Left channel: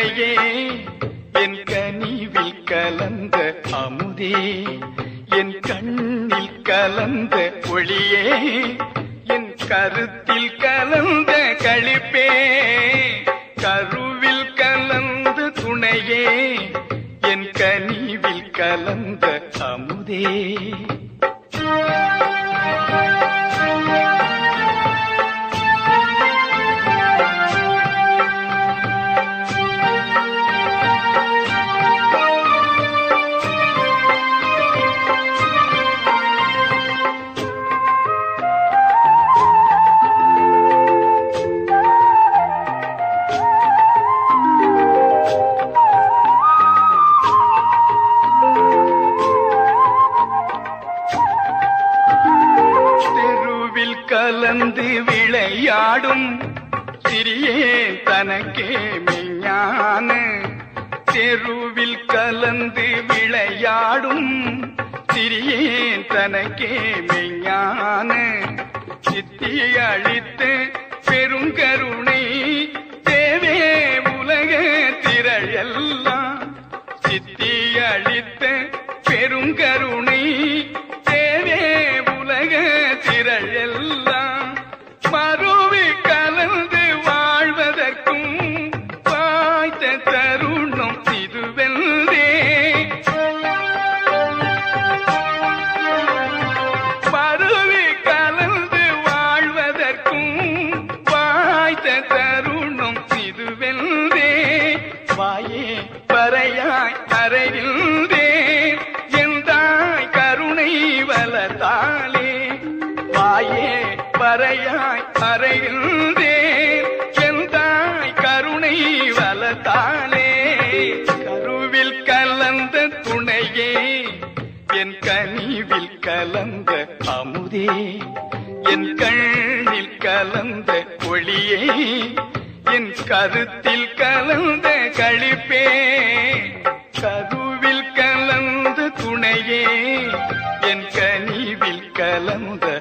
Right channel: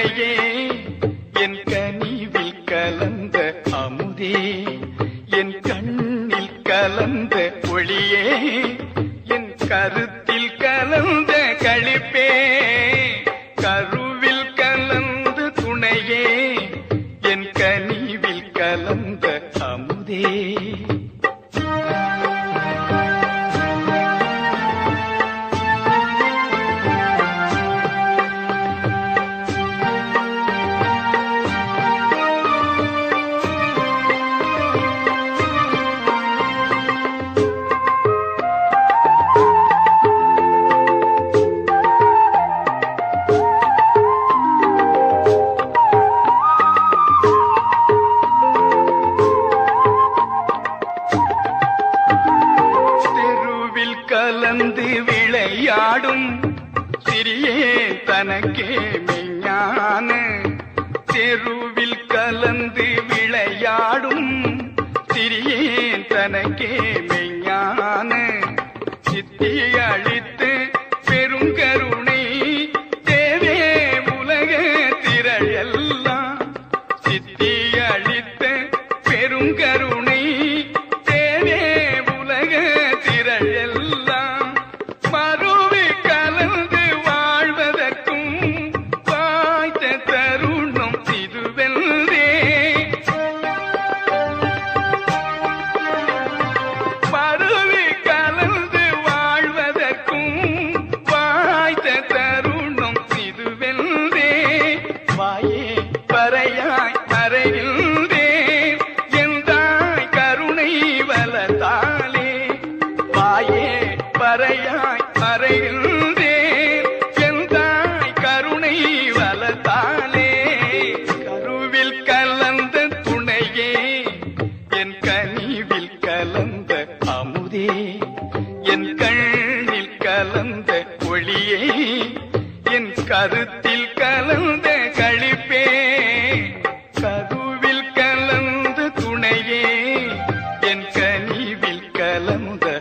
துணையே என் கனிவி கலந்த அமுதே என் கண்ணி கலந்த ஒளியே என் கருத்தில் கலந்த கழிப்பே கோவில் கலந்து விளையாடும் சிறியே தனக்கே மெய்ஞான. தெருவில் கலந்து விளையாடும் சிறியே தனக்கே மெய்ஞான. சித்தி அழித்து பெருங்கருணை தேவே உலக திரள் எல்லாம். சித்தி என் கண்ணில் கலந்த ஒளியை என் கருத்தில் கலந்த கழிப்பே. சதுவில் கலந்த துணையே என் கனிவில் கலந்த